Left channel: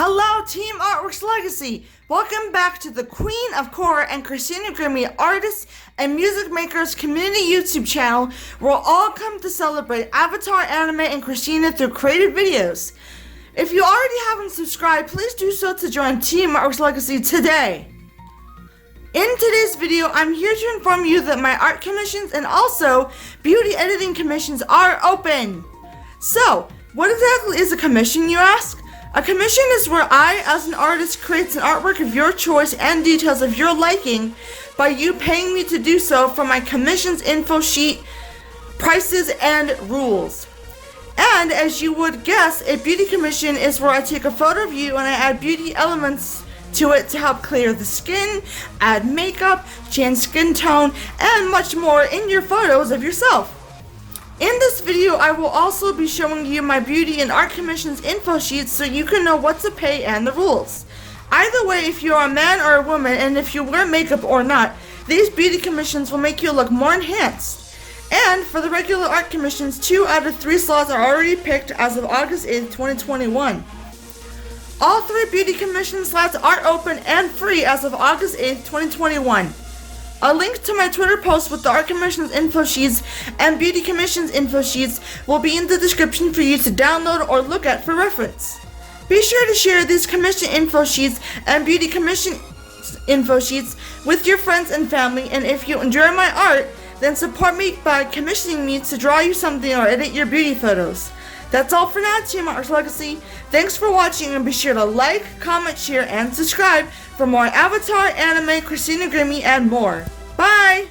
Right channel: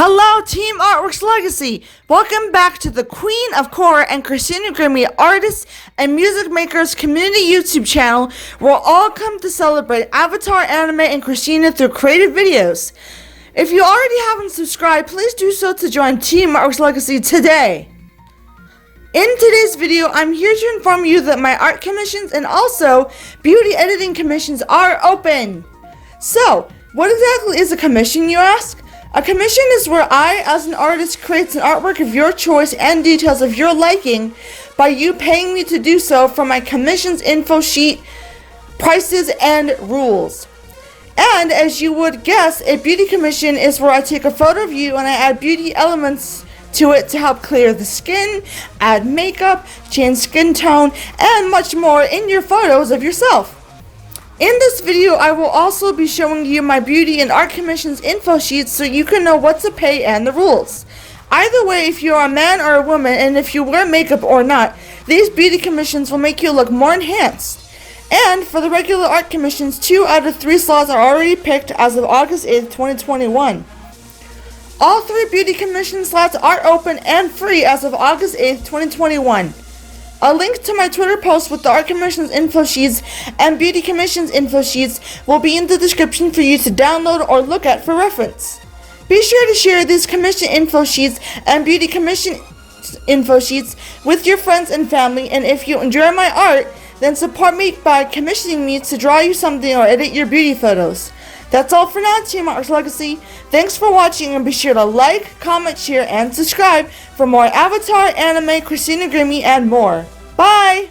Hello, Team Artworks Legacy! Welcome back to the Queen of Korra and Christina Grimmie Artists and Music Makers Community YouTube channel, where we'll all come to celebrate Avatar, anime, and Christina through creative videos. If you already haven't subscribed, please do so to join Team Artworks Legacy today. In today's video, I'm here to inform you that my art commissions and also beauty editing commissions are open. So, what exactly is a commission, you ask? A commission is where I, as an artist, creates an artwork of your choice and details of your liking by you paying me to do so for my commissions info sheet, prices, and rules. And as you would guess, a beauty commission is where I take a photo of you and I add beauty elements to it to help clear the skin, add makeup, change skin tone, and much more in your photos of yourself. In this video, I will also be showing you my beauty and art commissions info sheets so you can know what to pay and the rules. Either way, if you are a man or a woman and if you wear makeup or not, these beauty commissions will make you look more enhanced. And for the regular art commissions, 2 out of 3 slots are already picked as of August 8th, 2021. All 3 beauty commission slots are open and free as of August 8th, 2021. A link to my Twitter post with the art commissions info sheets and beauty commissions info sheets will be in the description for you to download or look at for reference. Be sure to share these commission info sheets and beauty commission info sheets with your friends and family, and if you enjoy my art, then support me by commissioning me to draw you something or edit your beauty photos. That's all for now, Team Artworks Legacy. Thanks for watching, and be sure to like, comment, share, and subscribe for more Avatar, anime, Christina Grimmie, and more. Bye!